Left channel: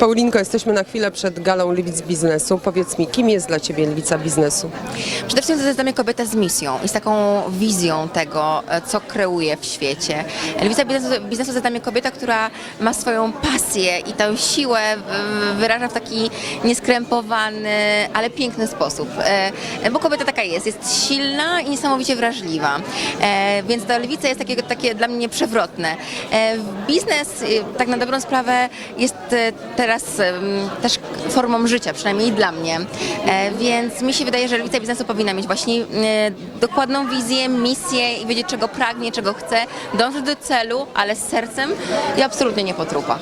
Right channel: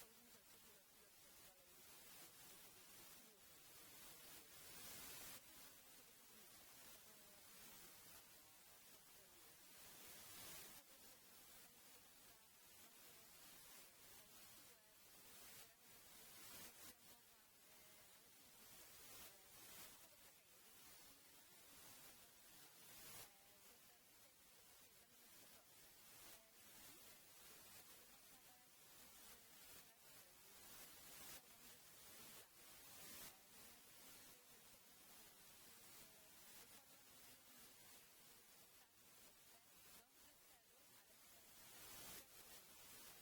Paulinko, jesteśmy na chwilę przed galą Lewic Biznesu. Powiedz mi, kim jest dla Ciebie Lewica Biznesu? Przede wszystkim to jest dla mnie kobieta z misją i z taką wizją tego, co kreuje w świecie. Lewica biznesu, biznesu to jest dla mnie kobieta, która ma swoją pasję i tę siłę wyraża w taki nieskrępowany, ale piękny sposób. E, Bo kobieta taka jest, jest silna i niesamowicie wrażliwa. E, Więc ta lewica jest takie, takie dla mnie przewrotne. E, Biznes, tak na dobrą sprawę, jest teraz też formą życia, przynajmniej dla mnie. E, Więc mi się wydaje, że lewica biznesu powinna mieć właśnie e, dokładną wizję, misję i wiedzieć, czego pragnie, czego chce, dążyć do celu, ale z sercem i absolutnie nie po trupach.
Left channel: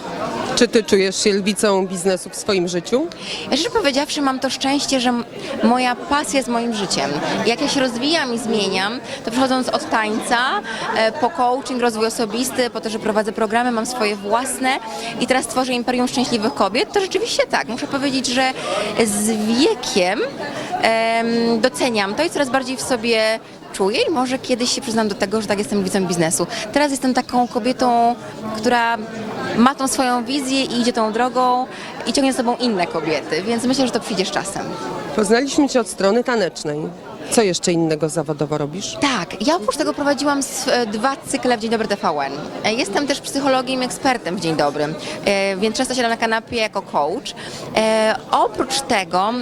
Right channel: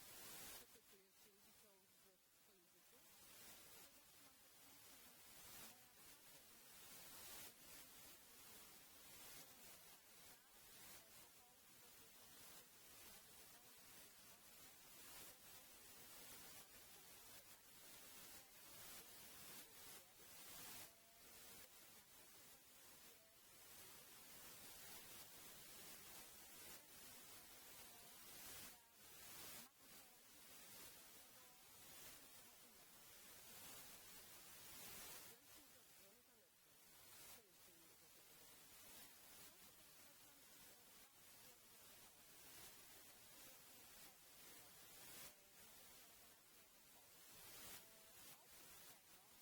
Czy Ty czujesz się Lewicą Biznesu w swoim życiu? Ja szczerze powiedziawszy, mam to szczęście, że moja pasja jest moim życiem. Jak ja się rozwijam i zmieniam, to przechodząc od tańca e, po coaching, rozwój osobisty, po to, że prowadzę programy, mam swoje własne i teraz tworzę Imperium Szczęśliwych Kobiet, to rzeczywiście tak. Muszę powiedzieć, że z wiekiem em, doceniam to i coraz bardziej w sobie czuję i może kiedyś się przyznam do tego, że tak jestem widzem biznesu. Teraz jestem taką kobietą, która ma tą swoją wizję i idzie tą drogą i ciągnie za sobą inne kobiety, więc myślę, że to przyjdzie z czasem. Poznaliśmy Cię od strony tanecznej. Co jeszcze innego zawodowo robisz? Tak, ja oprócz tego prowadziłam dwa cykle w Dzień Dobry TVN. E, Jestem też psychologiem i ekspertem w Dzień Dobry, e, więc często siadam na kanapie jako coach. E, Oprócz tego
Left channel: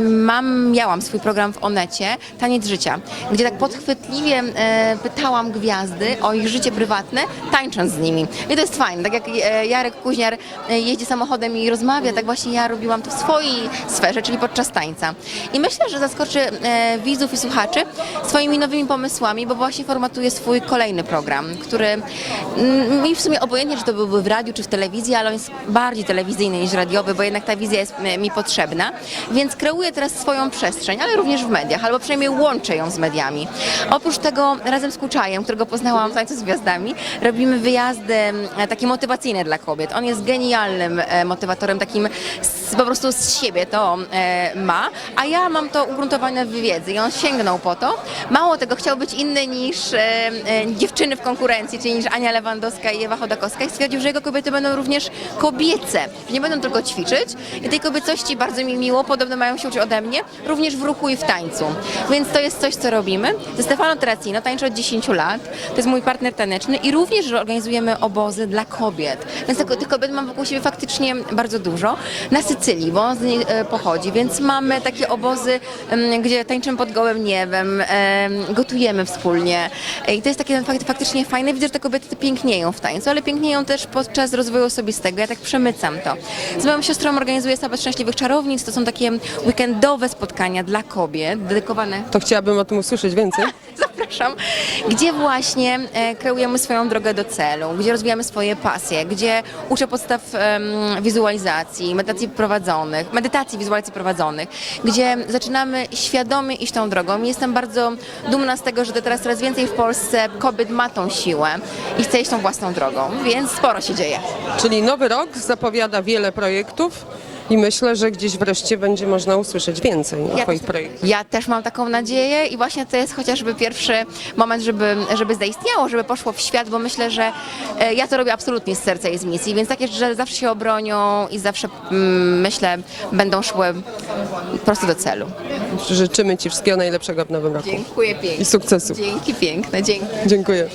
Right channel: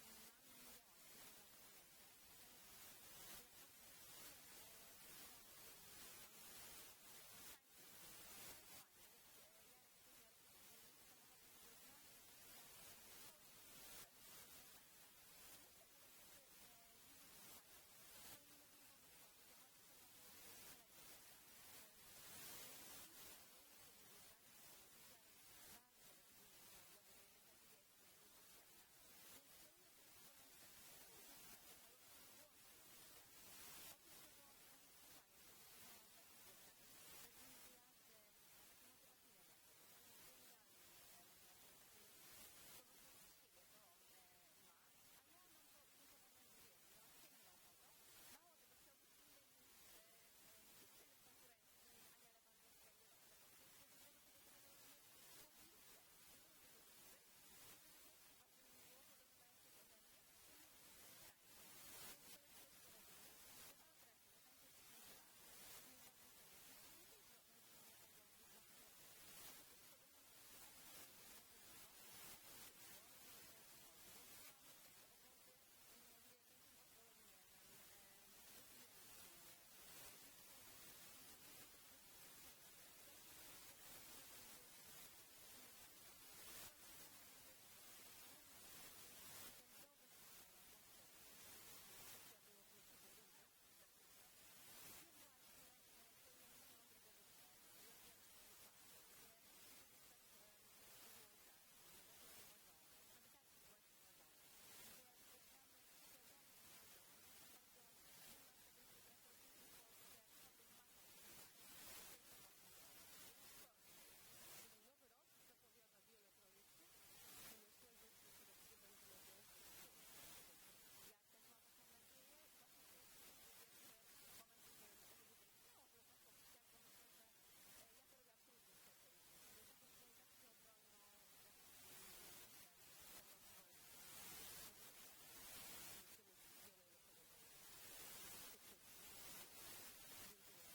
mam, miałam swój program w Onecie, Taniec Życia, gdzie tak podchwytliwie pytałam gwiazdy o ich życie prywatne, tańcząc z nimi. I to jest fajne, tak jak Jarek Kuźniar jeździ samochodem i rozmawia, tak właśnie ja robiłam to w swojej sferze, czyli podczas tańca. I myślę, że zaskoczy widzów słuchaczy swoimi nowymi pomysłami, bo właśnie formatuje swój kolejny program, który mm, mi w sumie obojętnie, czy to byłby w radiu, czy w telewizji, ale on jest bardziej telewizyjny niż radiowy, bo jednak ta wizja jest mi potrzebna. Więc kreuję teraz swoją przestrzeń, ale również w mediach, albo przynajmniej łączę ją z mediami. Oprócz tego razem z Kuczajem, którego poznałam w Tańcu z Gwiazdami, robimy wyjazdy e, takie motywacyjne dla kobiet. On jest genialnym e, motywatorem, takim z, po prostu z siebie to e, ma, a ja mam to ugruntowane w wiedzy i on sięgnął po to. Mało tego, chciał być inny niż e, e, dziewczyny w konkurencji, czyli niż Ania Lewandowska i Ewa Chodakowska i stwierdził, że jego kobiety będą również kobiece, nie będą tylko ćwiczyć i tej kobiecości bardzo mi miło, podobno mają się uczyć ode mnie, również w ruchu i w tańcu. Więc to jest coś, co robimy. Ze Stefano Terracino tańczę od 10 lat, to jest mój partner taneczny i również organizujemy obozy dla kobiet. Więc tych kobiet mam wokół siebie faktycznie bardzo dużo. Na Sycylii, bo on z niej e, pochodzi, więc mamy takie obozy, em, gdzie tańczymy pod gołym niebem, em, gotujemy wspólnie i to jest takie fak- faktycznie fajne. Widzę, że te kobiety pięknieją w tańcu, ale pięknieją też podczas rozwoju osobistego. Ja tak przemycam to. Z moją siostrą organizuję Sabat Szczęśliwych Czarownic. To są takie weekendowe spotkania dla kobiet, dedykowane To chciałabym o tym usłyszeć więcej. zapraszam, gdzie właśnie e, kreujemy swoją drogę do celu, gdzie rozwijamy swoje pasje, gdzie uczę podstaw wizualizacji, medytacji prowadzonych, medytacji wizualizacji prowadzonych, gdzie zaczynamy świadomie iść tą drogą. Jestem bardzo dumna z tego, że teraz coraz więcej w Polsce kobiet ma tą siłę i chce iść tą własną drogą, więc sporo się dzieje. Czyli nowy rok zapowiada wiele projektów i myślę, że gdzieś wreszcie będzie można usłyszeć więcej o Twoich projektach. ja też mam taką nadzieję i właśnie to jest chociażby pierwszy moment, żeby, żeby zaistniało, żeby poszło w świat, bo myślę, że e, ja to robię absolutnie z serca i z misji, więc takie rzeczy zawsze się obronią i zawsze mm, myślę będą szły prosto do celu. Życzymy Ci wszystkiego najlepszego w nowym roku Dziękuję i pięknie. sukcesu. Dzięki piękne, dzięki. Dziękuję.